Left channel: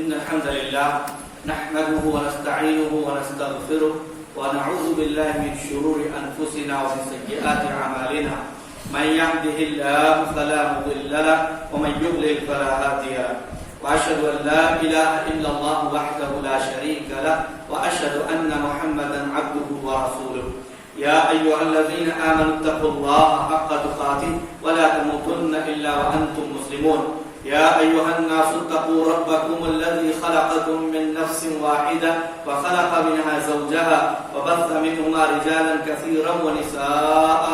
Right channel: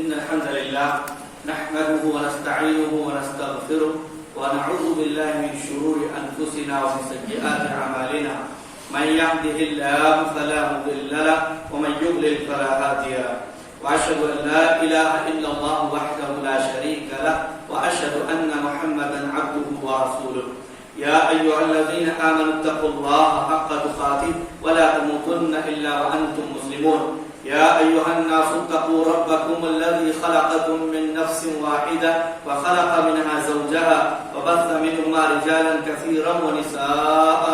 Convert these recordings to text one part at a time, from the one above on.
إن الحمد لله نحمده ونستعينه ونستغفره ونعوذ بالله من شرور أنفسنا ومن سيئات أعمالنا من يهده الله فلا مضل له ومن يضلل فلا هادي له وأشهد أن لا إله إلا الله وحده لا شريك له وأشهد أن محمدا عبده ورسوله يا أيها الذين آمنوا اتقوا الله حق تقاته ولا تموتن إلا وأنتم مسلمون يا أيها الناس اتقوا ربكم الذي خلقكم من نفس واحدة وخلق منها زوجها وبث منهما رجالا كثيرا ونساء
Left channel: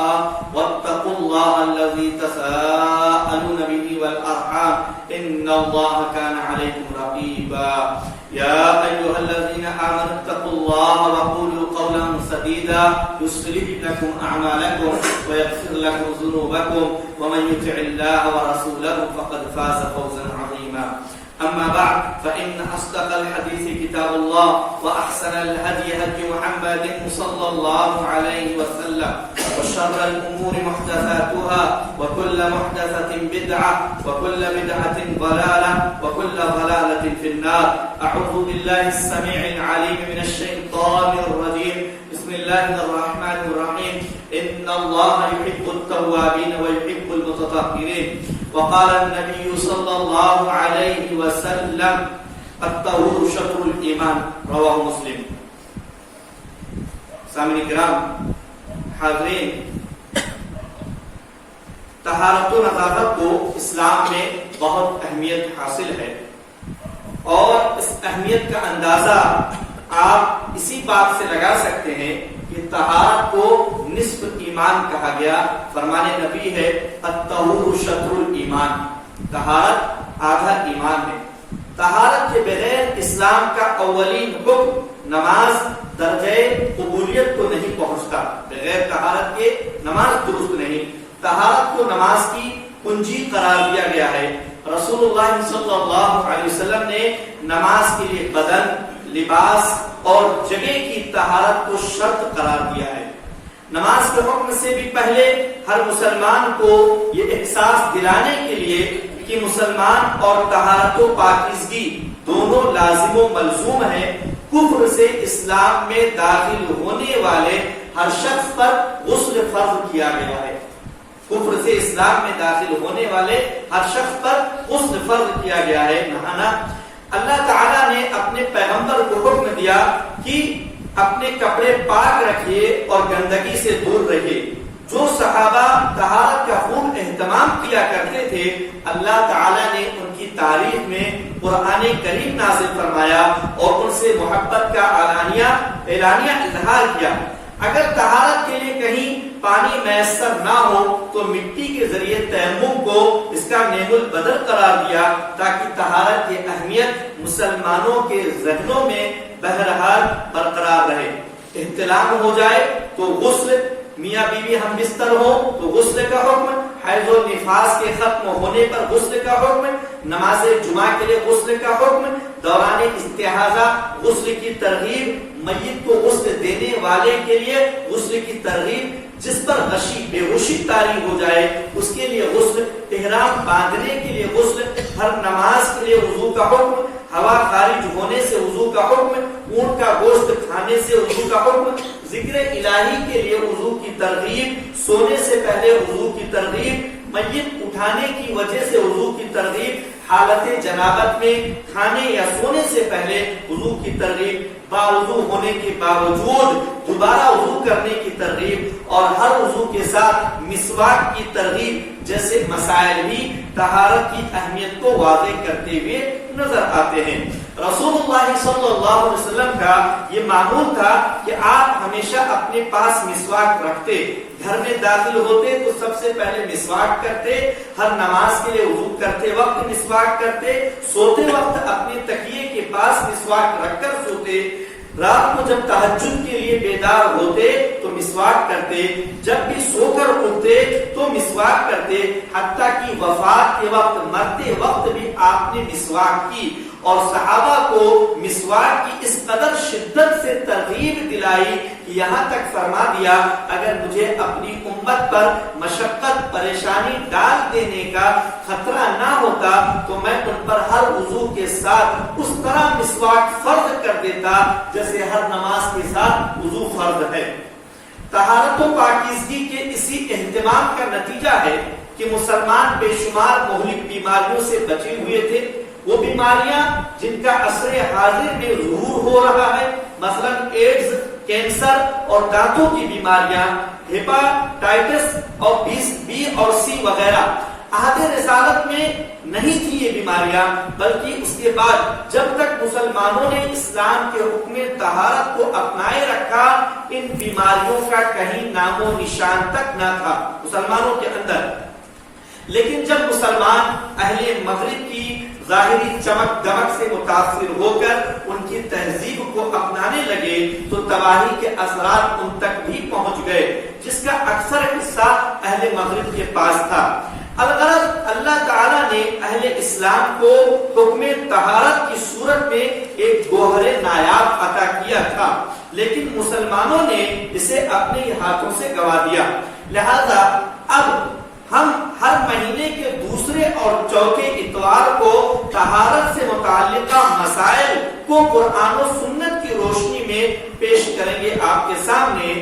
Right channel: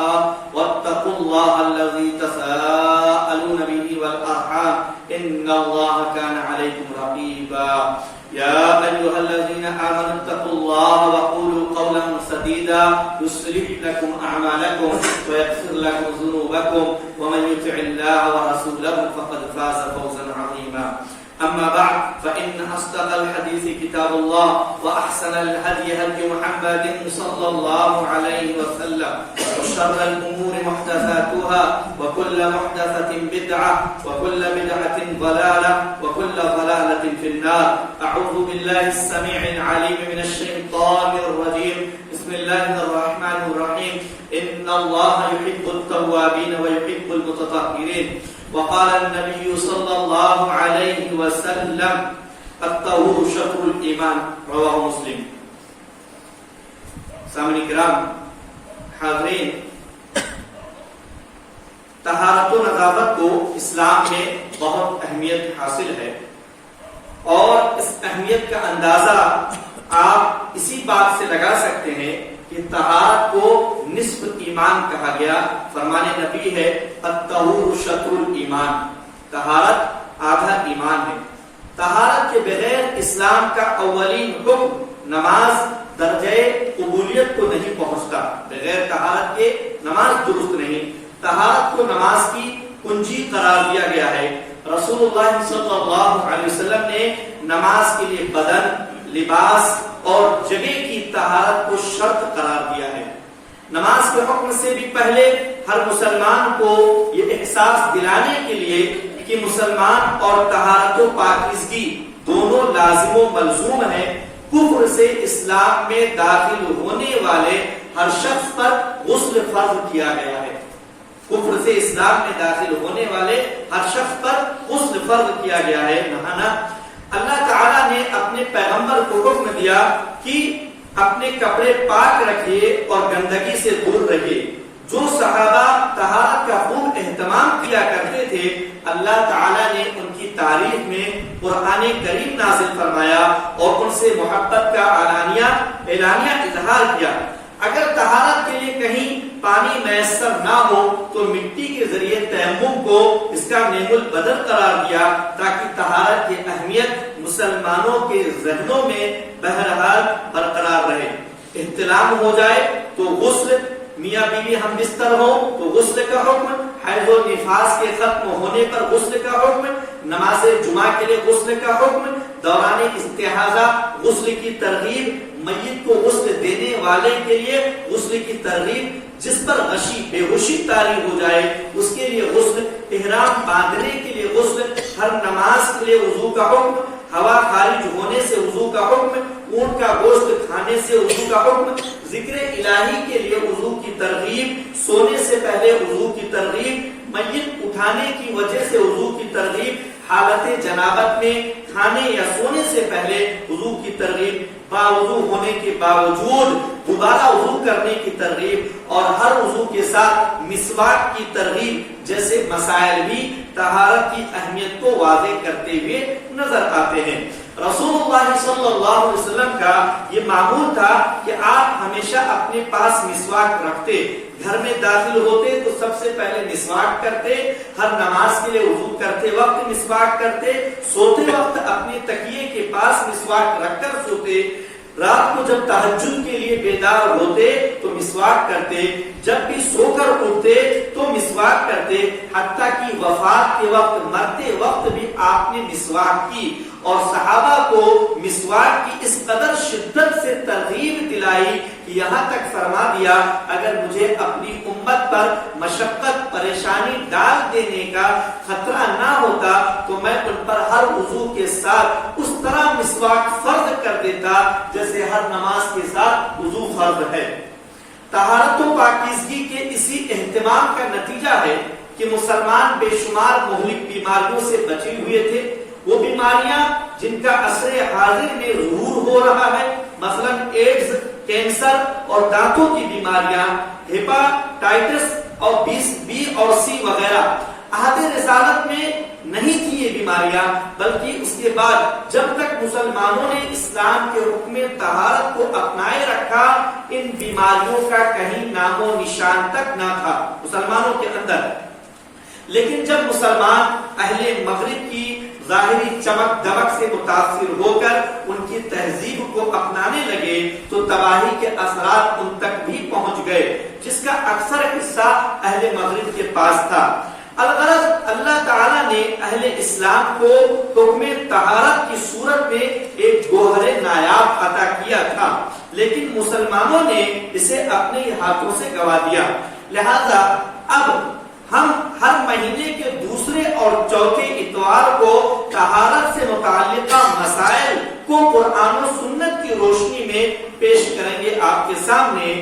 واتقوا الله الذي تساءلون به والأرحام إن الله كان عليكم رقيبا يا أيها الذين آمنوا اتقوا الله وقولوا قولا سديدا يصلح لكم أعمالكم ويغفر لكم ذنوبكم ومن يطع الله ورسوله فقد فاز فوزا عظيما أما بعد فإن أصدق الحديث كتاب الله وأحسن الهدي هدي محمد صلى الله عليه وسلم وشر الأمور محدثاتها وكل محدثة بدعة وكل بدعة ضلالة وكل ضلالة في النار أعوذ بالله السميع العليم من الشيطان الرجيم بسم الله الرحمن الرحيم إن الله يحب التوابين ويحب المتطهرين وقال النبي صلى الله عليه وسلم الطهور شطر الإيمان رواه مسلم. سامعین کرام حاضرین، طہارت و نظافت کو اسلام میں بہت اہمیت حاصل ہے اور اس اہمیت کا اندازہ آپ اسی بات سے لگا سکتے ہیں کہ طہارت کو نصف ایمان کہا گیا. فرمان نبی ہے الطہور شطر الایمان، طہارت آدھا ایمان ہے. طہارت کے بغیر اسلام کا اولین حکم نماز درجہ قبولیت کو نہیں پہنچتا. بغیر طہارت کے نماز درست نہیں. طہارت کو نماز کی کنجی قرار دیا گیا ہے. رسول اللہ صلی اللہ علیہ وسلم نے نماز کے لیے بدن، لباس اور جگہ کی طہارت کو شرط قرار دیا ہے. نماز کے حکم سے بھی پہلے ہر مسلمان کو یہ احساس دلانے کے لیے کہ مسلمان اور طہارت و پاکیزگی دونوں لازم و ملزوم ہیں. کفر سے اسلام میں داخل ہونے والے ہر شخص پر غسل فرض کیا گیا ہے. کفر سے اسلام میں داخل ہونے والے ہر شخص پر غسل فرض کیا گیا ہے، نہانا. اللہ تعالیٰ نے اپنے پیغمبر کو حکم دیا کہ اپنے کپڑے پاک رکھیے اور گندگی سے دور رہیے. جو صحابہ طہارت کا خوب اہتمام کیا کرتے تھے، اللہ تعالیٰ نے ان کی تعریف میں قرآن کریم نازل فرمایا اور ان سے محبت کا اعلانیہ اظہار کیا. اگر طہارت کے لیے کہیں پانی میسر نہ ہو تو مٹی کے ذریعے تیمم کو اس کا نعم البدل قرار دیا تاکہ طہارت کی اہمیت مسلمانوں کے ذہنوں میں بہرحال برقرار رہے. احتلام ہو جائے تو غسل، میاں بیوی ہم بستر ہو تو غسل کا حکم، حیض و نفاس کے ختم ہونے پر غسل کا حکم، نماز جمعہ کے لیے غسل کا حکم، دوران استحاضہ غسل کی ترغیب، میت کو غسل دینے والے کے لیے غسل کی ترغیب، جس پر غشی بے ہوشی طاری ہو جائے اس کے لیے غسل، احرام باندھنے کے لیے غسل، ہر نماز کے لیے وضو کا حکم، ہوا خارج ہونے سے وضو کا حکم، اونٹ کا گوشت کھانے سے وضو کا حکم، ذکر الہی کے لیے وضو کی ترغیب، سونے سے پہلے وضو کی ترغیب، میت اٹھانے کی وجہ سے وضو کی ترغیب، حالت جنابت میں کھانے یا سونے سے پہلے وضو کی ترغیب، باوضو ہونے کے باوجود دوبارہ وضو کرنے کی ترغیب اور ہر وضو کے ساتھ مسواک کی ترغیب جیسے مسائل بھی طہارت کی اہمیت کو واضح کرتے ہوئے نظر آتے ہیں. رسول اللہ صلی اللہ علیہ وسلم کا یہ معمول تھا کہ آپ ہمیشہ اپنے پاس مسواک رکھتے. گھر میں داخل ہوتے تو سب سے پہلے مسواک کرتے، ہر نماز کے لیے وضو کرتے وقت مسواک کرتے، سوتے وقت اپنے تکیے کے پاس مسواک رکھ کر سوتے، رات کو جب تہجد کے لیے بیدار ہوتے تو مسواک کرتے، جب بھی سو کر اٹھتے تو مسواک کرتے، حتیٰ کہ وفات کے وقت، مرتے وقت بھی آپ نے مسواک کی. اور صحابہ کو مسواک کی اس قدر شدت سے ترغیب دلائی کہ یہاں تک فرما دیا اگر مجھے اپنی امت پر مشقت پریشانی ڈال دینے کا خطرہ نہ ہوتا تو میں ان پر ہر وضو کے ساتھ اس طرح مسواک فرض کر دیتا جیسے ہر نماز کے ساتھ وضو فرض ہے۔ طہارت و پاکیزگی کے اسی اہتمام کا نتیجہ ہے کہ مسلمان بے شمار مہلک بیماریوں سے بچے ہوئے تھے۔ وہ بیماریاں جن کا عصر حاضر میں ظہور ہو رہا ہے، مثلا ایڈز، کینسر اور دانتوں کی بیماریاں، ہیپاٹائٹس اور بی اور سی وغیرہ، عہد رسالت میں نہیں تھی یہ بیماریاں، بلکہ اس کے بعد جب تک مسلمانوں نے اسلام کے حکم طہارت کو اپنائے رکھا ان بیماریوں کا کہیں نام و نشان تک نہ تھا مسلمانوں کے اندر۔ لیکن جب مسلمان اہل مغرب کی ظاہری چمک دمک سے متاثر ہو کر ان کی تہذیب کو اپنانے لگے تو تباہی کے اثرات ان تک بھی پہنچ گئے، جس کا اکثر حصہ اہل مغرب کے پاس تھا۔ الغرض اللہ تعالیٰ نے اہل اسلام کو حکم طہارت کی صورت میں ایک گوہر نایاب عطا کیا تھا، لیکن مسلمانوں نے اسے اپنے ہاتھوں سے گوا دیا۔ لہذا اب ہم ہر مہینے کے دوسرے اور چوتھے اتوار کو طہارت سے متعلقہ مسائل کو قرآن و سنت کی روشنی میں پیش کریں گے آپ کے سامنے،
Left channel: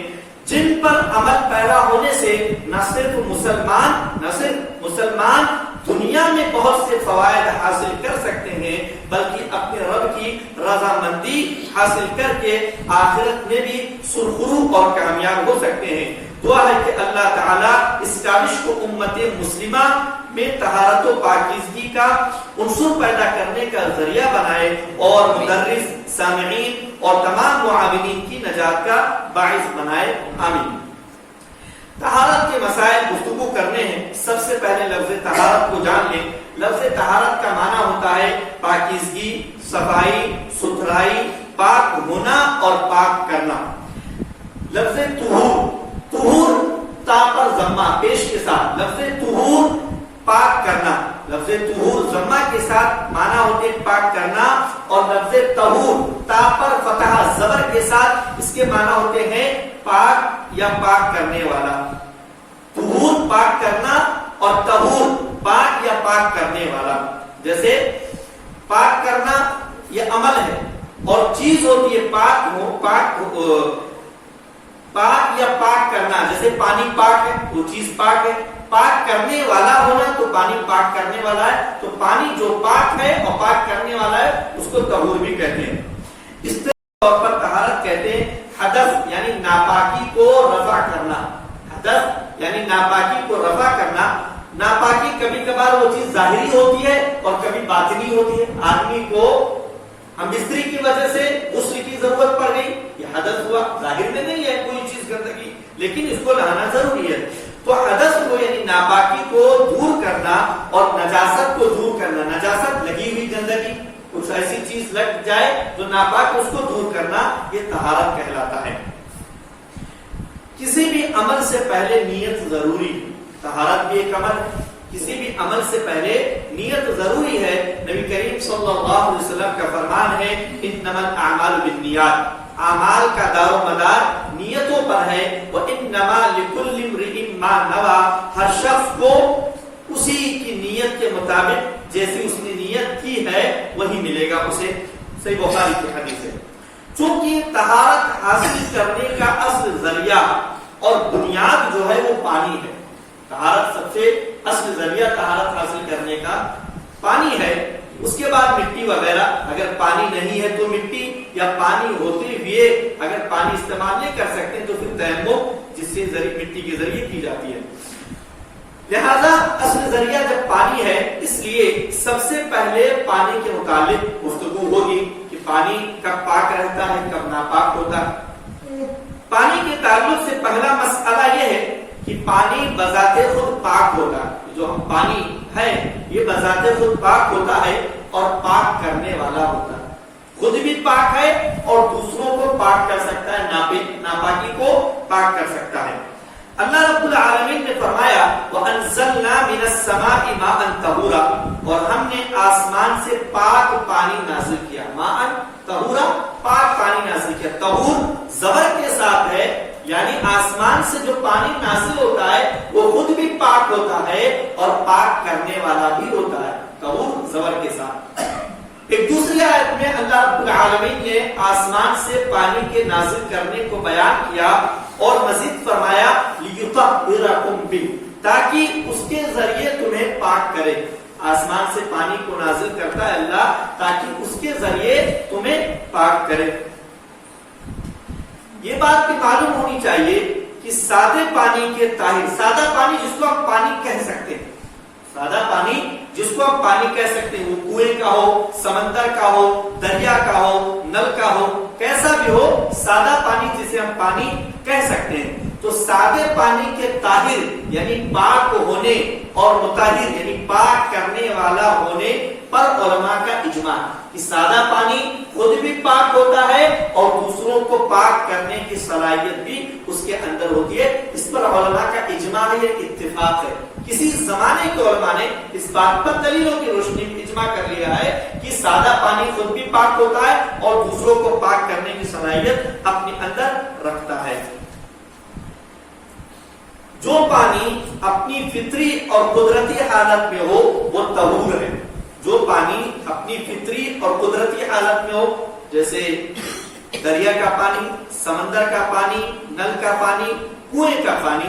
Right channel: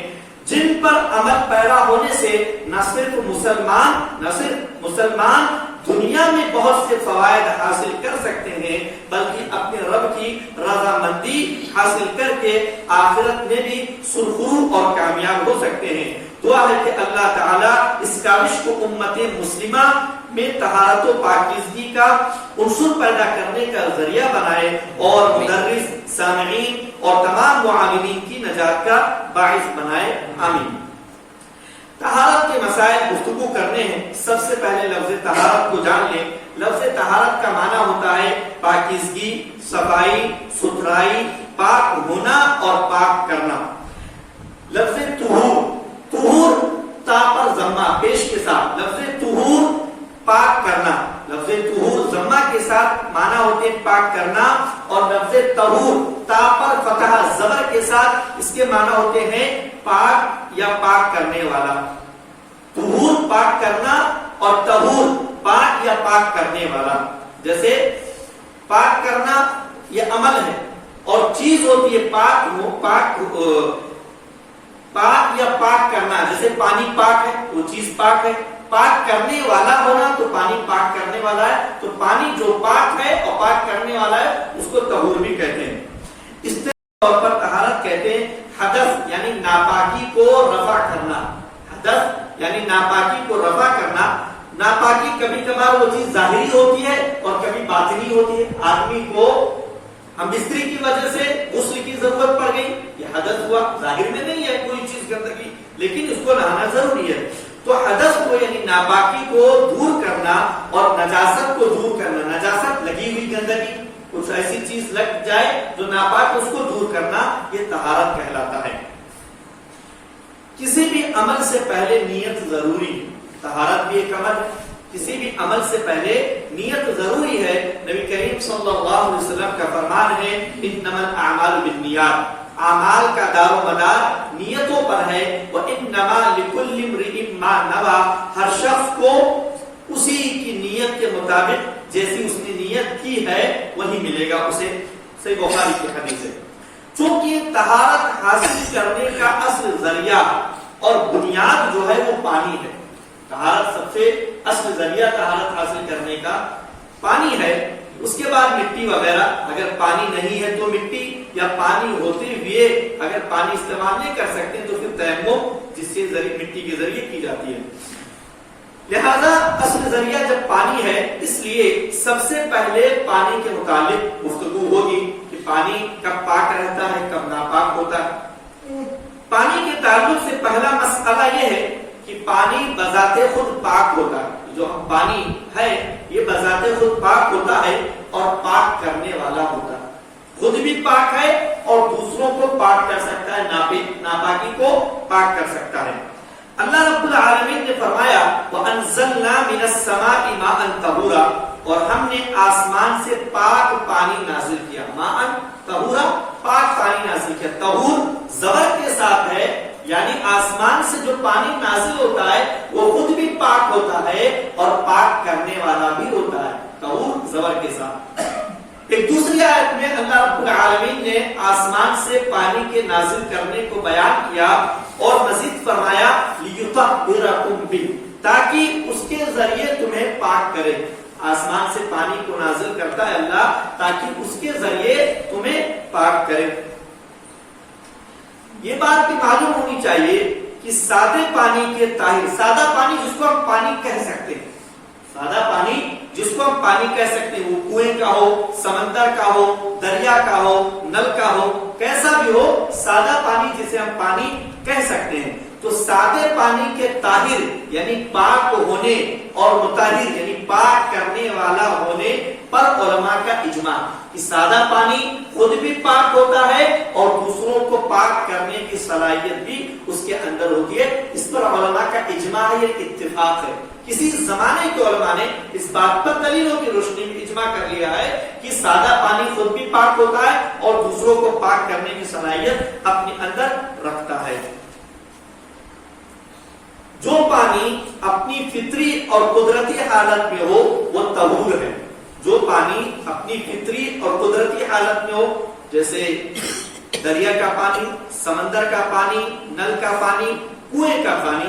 جن پر عمل پیرا ہونے سے نہ صرف مسلمان دنیا میں بہت سے فوائد حاصل کر سکتے ہیں بلکہ اپنے رب کی رضامندی حاصل کر کے آخرت میں بھی سرخرو اور کامیاب ہو سکتے ہیں۔ دعا ہے کہ اللہ تعالیٰ اس کاوش کو امت مسلمہ میں طہارت و پاکیزگی کا عنصر پیدا کرنے کا ذریعہ بنائے اور مدرس، سامعین اور تمام معاونین کی نجات کا باعث بنائے، آمین۔ طہارت کے مسائل گفتگو کرنے ہیں۔ سب سے پہلے لفظ طہارت کو جان لیں۔ لفظ طہارت کا معنی ہوتا ہے پاکیزگی، صفائی، ستھرائی، پاک ہونا اور پاک کرنا۔ لفظ طہور تا پر ضمہ پیش کے ساتھ، لفظ طہور پاک کرنا، لفظ طہور ضمہ کے ساتھ معنی ہوتے ہیں پاک کرنا، اور لفظ طہور تا پر فتح زبر کے ساتھ اس کے معنی ہوتے ہیں پاک یا پاک کرنے والا۔ طہور پاک کرنا اور طہور پاک یا پاک کرنے والا۔ جیسے پاک کرنا یہ عمل ہے اور چیز ہوتی ہے پاک یا پاک کرنا، جیسے پانی پاک ہے وہ چیز پاک ہے، پاک کرنے والا ہونا تو پانی پاک کرنے والا ہے، تو پانی جو پاک ہے اور پاک کرنے والا ہے اس کو طہور بھی کہتے ہیں۔ اس طور پر طہارت کہتے ہیں حدث یعنی ناپاکی کو رفع کرنا، حدث یعنی ناپاکی کو رفع کرنا۔ ناپاکی کبھی کبھار وہ چیز ظاہری ہوتی ہے اور کبھی باطنی ہوتی ہے۔ آدمی کو ہم بستری کی وجہ سے غسل کی ضرورت پڑ گئی، یہ حدث ہوا، ظاہر میں نہیں ہے کوئی چیز گندگی لیکن اس کو نہانا ضروری ہے۔ تو حدث کو یعنی ناپاکی کو دور کرنا اور نجاست کو دور کرنا، نجاست لگی ہوئی گندگی کچھ ایسی چیز لگ جائے جو ناپاک، اس کو دور کرنا، یہ طہارت کہلاتا ہے۔ کسی بھی عمل سے پہلے نیت ضروری ہے، طہارت بھی ایک عمل ہے، کسی بھی عمل سے پہلے نیت ضروری ہے۔ نبی کریم صلی اللہ علیہ وسلم کا فرمان ہے انما الاعمال بالنیات، اعمال کا دار و مدار نیتوں پر ہے، وانما لکل امرئ ما نوى، ہر شخص کو اسی کی نیت کے مطابق جیسی اس نے نیت کی ہے وہی ملے گا اسے۔ صحیح بخاری کی حدیث ہے۔ چونکہ طہارت حاصل کرنے کا اصل ذریعہ اور بنیاد جو ہے وہ پانی ہے، طہارت سب سے اصل ذریعہ طہارت حاصل کرنے کا پانی ہے، اس کے بعد مٹی وغیرہ، اگر پانی نہیں ہے تو مٹی، یا پانی ہوتے ہوئے اگر پانی استعمال نہیں کر سکتے تو پھر تیمم جس سے مٹی کے ذریعے کی جاتی ہے۔ لہذا اصل ذریعہ جب پانی ہے، اس لیے سب سے پہلے پانی کے متعلق گفتگو ہوگی کہ پانی کب پاک رہتا ہے، کب ناپاک ہوتا ہے۔ پانی کے تعلق سے پہلا مسئلہ یہ ہے کہ پانی بذات خود پاک ہوتا ہے، جو ہم پانی ہے یہ بذات خود پاک ہوتا ہے اور پاک کرنے والا ہوتا ہے، خود بھی پاک ہے اور دوسروں کو پاک کر سکتا ہے، ناپاکی کو پاک کر سکتا ہے۔ اللہ رب العالمین نے فرمایا وَأَنزَلْنَا مِنَ السَّمَاءِ مَاءً طَهُورًا، اور ہم نے آسمان سے پاک پانی نازل کیا. ماءً طہورا، پاک پانی نازل کیا. طہور زبر کے ساتھ ہے، یعنی آسمان سے جو پانی نازل ہوتا ہے وہ خود بھی پاک ہوتا ہے اور پاک کرنے والا بھی ہوتا ہے. طہور زبر کے ساتھ. ایک دوسری آیت میں اللہ رب العالمین نے آسمان سے پانی کے نازل کرنے کو بیان کیا اور مزید فرمایا لِيُطَهِّرَكُمْ بِهِ، تاکہ اس کے ذریعے تمہیں پاک کرے. آسمان سے پانی کو نازل کرتا ہے اللہ تاکہ اس کے ذریعے تمہیں پاک کرے. یہ بات بھی معلوم ہونی چاہیے کہ سادے پانی کے طاہر، سادہ پانی جس کو ہم پانی کہہ سکتے ہیں، سادہ پانی جس کو ہم پانی کہہ سکتے ہیں، وہ کنویں کا ہو، سمندر کا ہو، دریا کا ہو، نل کا ہو، کیسا بھی ہو، سادہ پانی جسے ہم پانی کہہ سکتے ہیں. تو سادے پانی کے طاہر یعنی پاک ہونے اور مطہر یعنی پاک کرنے والا ہونے پر علماء کا اجماع کہ سادہ پانی خود بھی پاک ہوتا ہے اور دوسروں کو پاک کرنے کی صلاحیت بھی اس کے اندر ہوتی ہے. اس پر علماء کا اجماع ہے، یہ اتفاق ہے. کسی زمانے کے علماء نے اس بات پر دلیلوں کی روشنی میں اجماع کر لیا ہے کہ سادہ پانی خود بھی پاک ہوتا ہے اور دوسروں کو پاک کرنے کی صلاحیت اپنے اندر رکھتا ہے. جو پانی اپنی فطری اور قدرتی حالت میں ہو وہ طہور ہے. جو پانی اپنی فطری اور قدرتی حالت میں ہو، جیسے دریا کا پانی، سمندر کا پانی، نل کا پانی، کنویں کا پانی،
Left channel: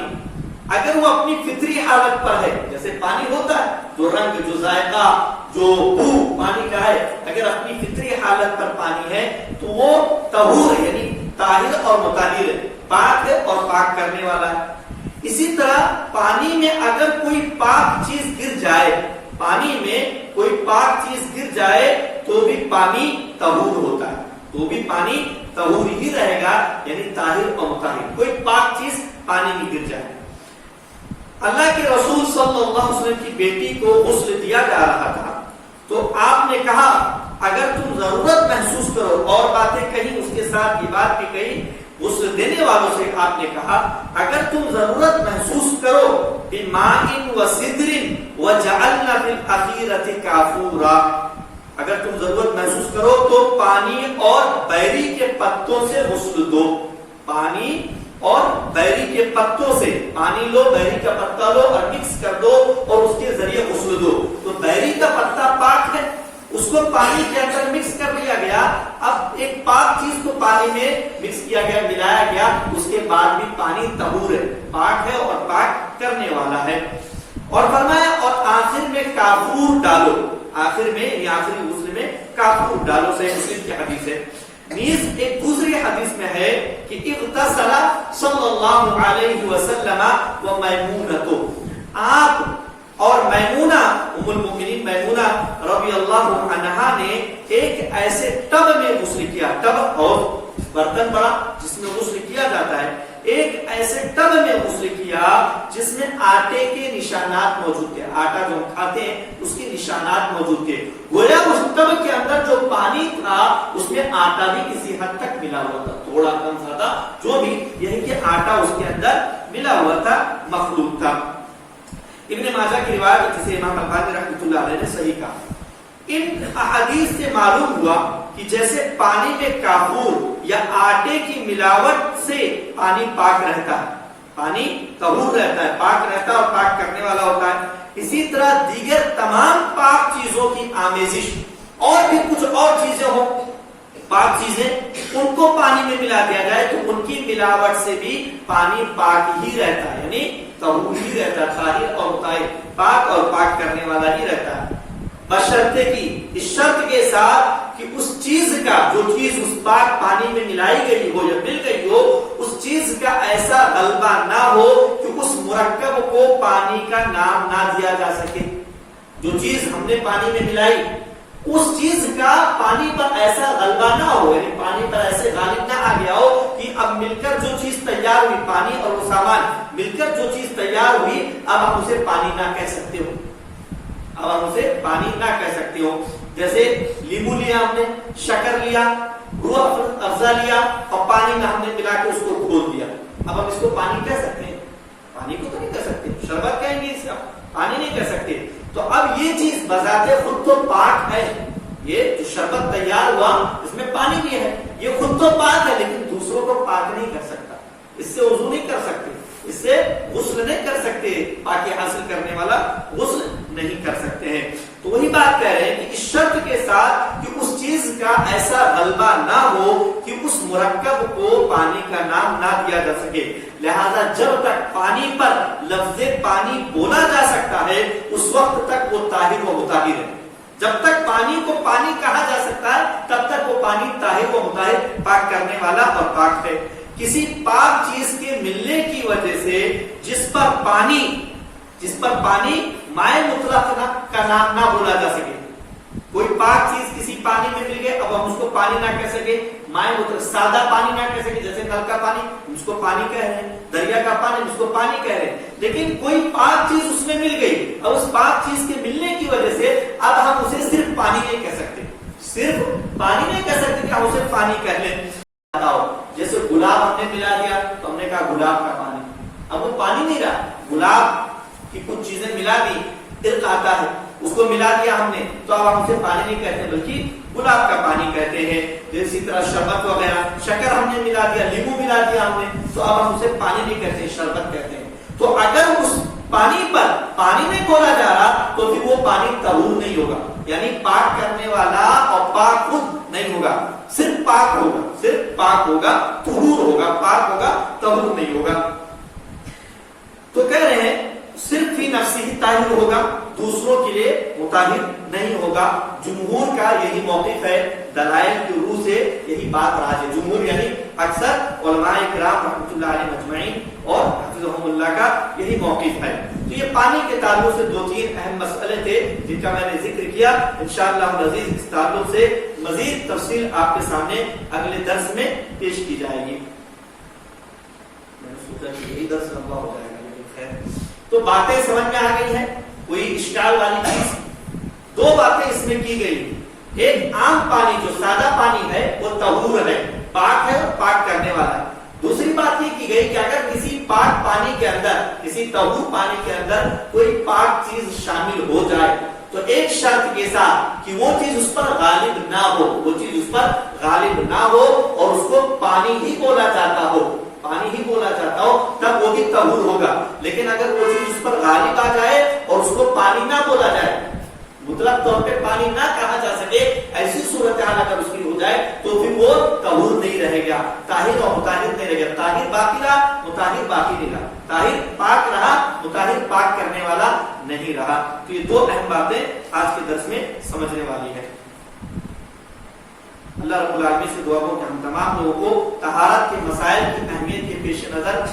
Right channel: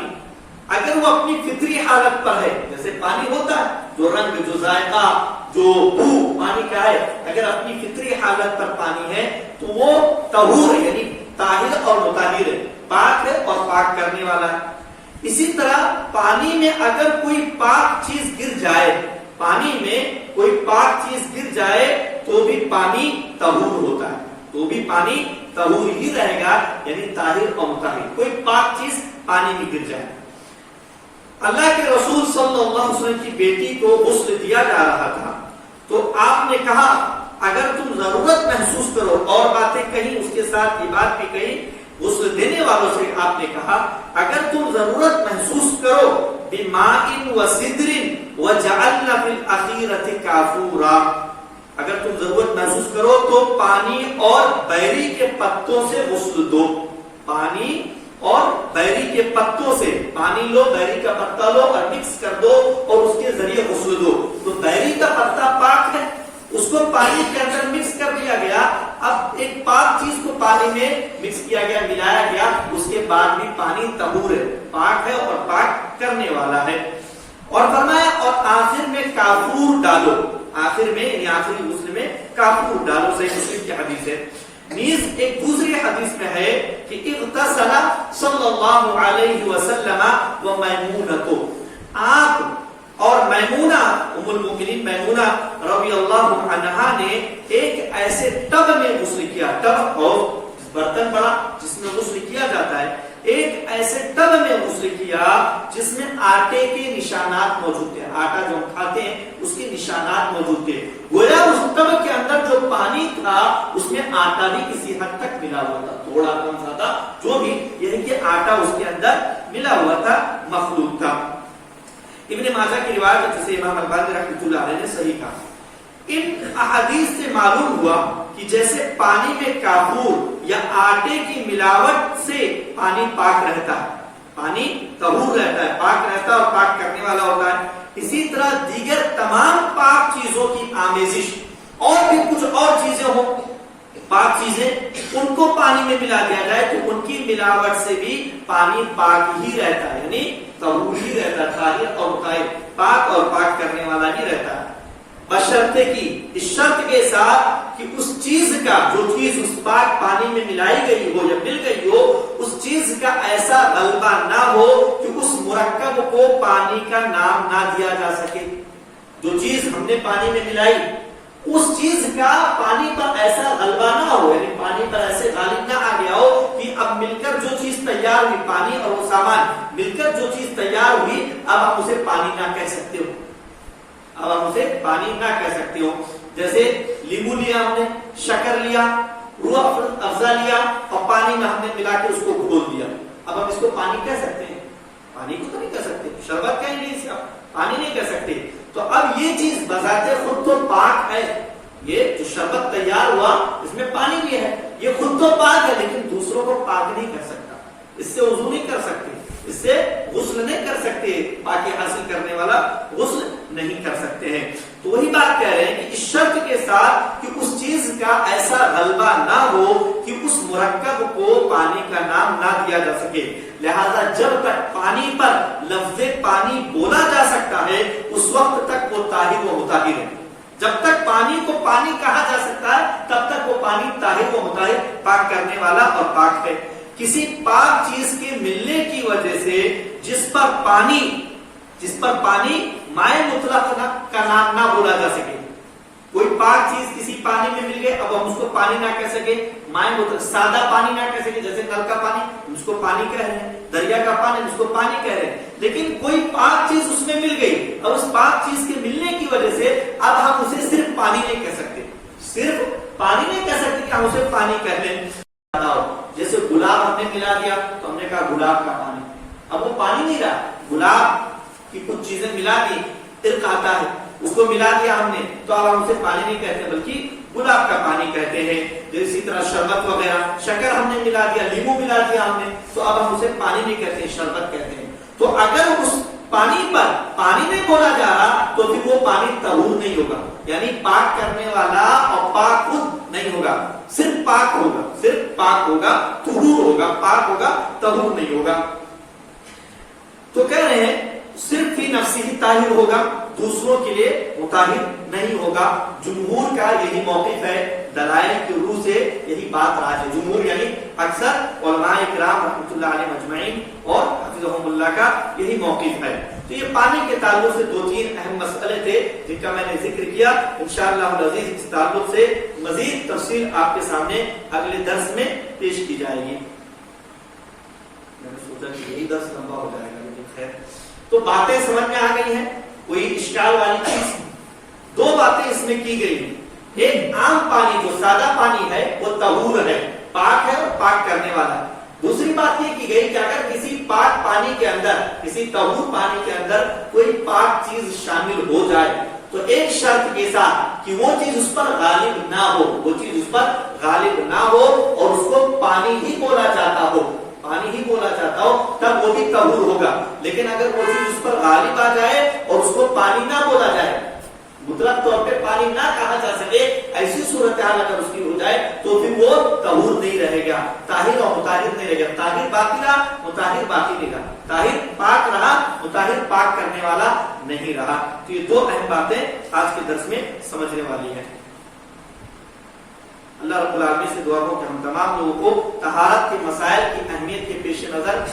اگر وہ اپنی فطری حالت پر ہے، جیسے پانی ہوتا ہے جو رنگ، جو ذائقہ، جو بو پانی کا ہے، اگر اپنی فطری حالت پر پانی ہے تو وہ طہور ہے، یعنی طاہر اور مطہر ہے، پاک ہے اور پاک کرنے والا ہے. اسی طرح پانی میں اگر کوئی پاک چیز گر جائے، پانی میں کوئی پاک چیز گر جائے تو بھی پانی طہور ہوتا ہے، تو بھی پانی طہور ہی رہے گا، یعنی طاہر اور مطہر. کوئی پاک چیز پانی میں گر جائے. اللہ کے رسول صلی اللہ علیہ وسلم کی بیٹی کو غسل دیا جا رہا تھا تو آپ نے کہا اگر تم ضرورت محسوس کرو، اور باتیں کہیں اس کے ساتھ یہ بات بھی کہی غسل دینے والوں سے، آپ نے کہا اگر تم ضرورت محسوس کرو بماء وسدر وجعلنا فی الاخیرۃ کافورا، اگر تم ضرورت محسوس کرو تو پانی اور بیری کے پتوں سے غسل دو. پانی اور بیری کے پتوں سے، پانی لو، بیری کا پتا لو اور مکس کر دو اور اس کے ذریعے غسل دو. تو بیری کا پتا پاک ہے، اس کو پانی کے اندر مکس کر دیا گیا. اب ایک پاک چیز کو پانی میں مکس کیا گیا، ملایا گیا، اس کے بعد بھی پانی طہور ہے، پاک ہے اور پاک کرنے والا ہے. اور فرمایا اور آخر میں کافور ڈالو، آخر میں یعنی آخری غسل میں کافور ڈالو. صحیح مسلم کی حدیث ہے. نیز ایک دوسری حدیث میں ہے کہ اغتسل صلی اللہ علیہ وسلم ومیمونۃ، آپ اور میمونہ ام المؤمنین میمونہ رضی اللہ عنہا نے ایک ایسے ٹب میں غسل کیا. ٹب اور برتن بڑا جس میں غسل کیا جاتا ہے، ایک ایسے ٹب میں غسل کیا جس میں آٹے کے نشانات موجود تھے. آٹا جو ہم کھاتے ہیں اس کے نشانات موجود تھے. گویا اس ٹب کے اندر جو پانی تھا اس میں آٹا بھی کسی حد تک ملا ہوا تھا، تھوڑا کم زیادہ جو بھی، یعنی کہ آٹا اس کے اندر ملا ہوا تھا، مخلوط تھا. ابن ماجہ کی روایت جسے امام البانی رحمۃ اللہ علیہ نے صحیح کہا. ان احادیث سے معلوم ہوا کہ جیسے پانی میں کافور یا آٹے کی ملاوٹ سے پانی پاک رہتا ہے، پانی طہور رہتا ہے، پاک رہتا ہے اور پاک کرنے والا ہوتا ہے، اسی طرح دیگر تمام پاک چیزوں کی آمیزش اور بھی کچھ اور چیزیں ہوں، پاک چیزیں، ان کو پانی میں ملا دیا جائے تو ان کی ملاوٹ سے بھی پانی پاک ہی رہتا ہے، یعنی طہور ہی رہتا ہے، طاہر اور طاہر، پاک اور پاک کرنے والا ہی رہتا ہے. بشرطے کی، اس شرط کے ساتھ کہ اس چیز کا، جو چیز اس پاک پانی میں ملائی گئی ہو یا مل گئی ہو، اس چیز کا ایسا غلبہ نہ ہو کہ اس مرکب کو پانی کا نام نہ دیا جا سکے. جو چیز ہم نے پانی میں ملائی اس چیز کا پانی پر ایسا غلبہ نہ ہو، یعنی پانی پر ایسے غالب نہ آ گیا ہو کہ اب مل کر جو چیز تیار ہوئی، پانی اور وہ سامان مل کر جو چیز تیار ہوئی، اب آپ اسے پانی نہ کہہ سکتے ہو، اب آپ اسے پانی نہ کہہ سکتے ہو. جیسے لیمو لیا ہم نے، شکر لیا، روح افزا لیا اور پانی میں ہم نے ملا کے اس کو گھول دیا، اب ہم اس کو پانی کہہ سکتے ہیں؟ پانی کو تو نہیں کہہ سکتے. شربت کہیں گے اس کا، پانی نہیں کہہ سکتے. تو اب یہ چیز بذات خود تو پاک ہے، یہ جو شربت تیار ہوا اس میں پانی بھی ہے، یہ خود تو پاک ہے، لیکن دوسروں کو پاک نہیں کر سکتا، اس سے وضو نہیں کر سکتے، اس سے غسل نہیں کر سکتے، پاکی حاصل کرنے والا غسل نہیں کر سکتے ہیں۔ تو وہی بات کہہ رہے ہیں کہ اس شرط کے ساتھ کہ اس چیز کا ایسا غلبہ نہ ہو کہ اس مرکب کو پانی کا نام نہ دیا جا سکے، لہذا جب تک پانی پر لفظ پانی بولا جا سکتا ہے اس وقت تک وہ طاہر و مطہر ہے۔ جب تک پانی کو پانی کہا جا سکتا ہے تب تک وہ پانی طاہر و مطہر، پاک کرنے والا اور پاک ہے۔ کسی پاک چیز کے ملنے کی وجہ سے جس پر پانی مائع مطلق کا نام نہ بولا جا سکے، کوئی پاک چیز کسی پانی میں مل گئے، اب ہم اس کو پانی نہ کہہ سکے، مائع مطلق سادہ پانی نہ کہہ سکے، جیسے نل کا پانی ہم اس کو پانی کہہ رہے ہیں، دریا کا پانی ہم اس کو پانی کہہ رہے ہیں، لیکن کوئی پاک چیز اس میں مل گئی اور اس پاک چیز کے ملنے کی وجہ سے اب ہم اسے صرف پانی نہیں کہہ سکتے، صرف پانی نہیں کہہ سکتے کہ ہم اسے پانی کہہ لیں۔ جیسے گلاب ہم نے ملا دیا تو ہم نے کہا گلاب کا پانی، اب وہ پانی نہیں رہا، گلاب کی کچھ چیزیں ملا دی، عرق آتا ہے، اس کو ملا دیا ہم نے تو اب ہم اسے پانی نہیں کہتے بلکہ گلاب کا پانی کہتے ہیں۔ اسی طرح شربت وغیرہ، شکر ہم نے ملا دیا، لیمو ملا دیا ہم نے تو اب ہم اسے پانی نہیں کہتے، شربت کہتے ہیں۔ تو اگر اس پانی پر پانی نہیں بولا جا رہا تو پھر وہ پانی طہور نہیں ہوگا، یعنی پاک کرنے والا اور پاک خود نہیں ہوگا، صرف پاک ہوگا، صرف پاک ہوگا، طہور ہوگا، پاک ہوگا، طہور نہیں ہوگا۔ تو کہہ رہے ہیں صرف ہی نفسی ہی طاہر ہوگا، دوسروں کے لیے مطہر نہیں ہوگا۔ جمہور کا یہی موقف ہے، دلائل کی روح سے یہی بات راج ہے۔ جمہور یعنی اکثر علماء کرام رحمۃ اللہ علیہ مجمعین اور حفظہم اللہ کا یہی موقف ہے۔ تو یہ پانی کے تعلق سے 2-3 اہم مسئلے تھے جن کا میں نے ذکر کیا، انشاءاللہ العزیز اس تعلق سے مزید تفصیل آپ کے سامنے اگلے درس میں پیش کی جائے گی۔ میں نے سوچا کہ یہی درس لمبا ہو جائے گا لیکن خیر، تو باتیں سمجھ میں آ گئی ہیں، کوئی اشکال والی چیز؟ 2 باتیں اس میں کی گئی، ایک عام پانی جو سادہ پانی ہے وہ طہور ہے، پاک ہے اور پاک کرنے والا ہے۔ دوسری بات یہ کی گئی کہ اگر کسی پاک پانی کے اندر، کسی طہور پانی کے اندر کوئی پاک چیز شامل ہو جائے تو ایک شرط کے ساتھ کہ وہ چیز اس پر غالب نہ ہو، وہ چیز اس پر غالب نہ ہو اور اس کو پانی ہی بولا جاتا ہو، پانی ہی بولا جاتا ہو، تب وہ بھی طہور ہوگا۔ لیکن اگر وہ چیز اس پر غالب آ جائے اور اس کو پانی نہ بولا جائے، مطلق طور پہ پانی نہ کہا جا سکے، ایسی صورتحال اگر اس کی ہو جائے تو پھر وہ طہور نہیں رہے گا، طاہر اور مطہر نہیں رہے گا، طاہر باقی رہا، مطہر باقی نہیں رہا، طاہر پاک رہا، مطہر پاک کرنے والا نہیں رہا۔ تو یہ 2 اہم باتیں آج کے درس میں سمجھنے والی ہیں۔ اللہ رب العالمین سے دعا ہو کہ ہم تمام لوگوں کو طہارت کے مسائل کی اہمیت کے پیش نظر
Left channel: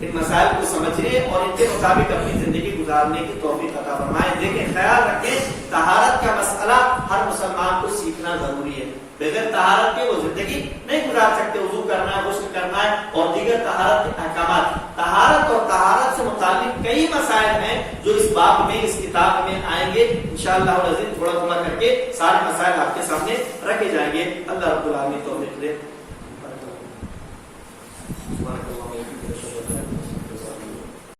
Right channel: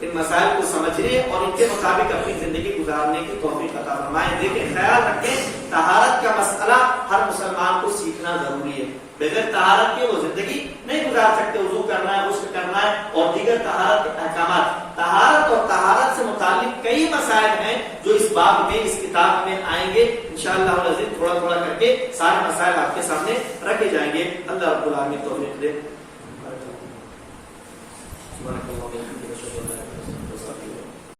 ان مسائل کو سمجھنے اور ان کے مطابق اپنی زندگی گزارنے کی توفیق عطا فرمائے۔ دیکھیں، خیال رکھیں، طہارت کا مسئلہ ہر مسلمان کو سیکھنا ضروری ہے، بغیر طہارت کے وہ زندگی نہیں گزار سکتے۔ وضو کرنا ہے، غسل کرنا ہے اور دیگر طہارت کے احکامات، طہارت اور طہارت سے متعلق کئی مسائل ہیں جو اس باب میں، اس کتاب میں آئیں گے انشاءاللہ العزیز۔ تھوڑا تھوڑا کر کے سارے مسائل آپ کے سامنے رکھے جائیں گے۔ اللہ رب العالمین توفیق دے۔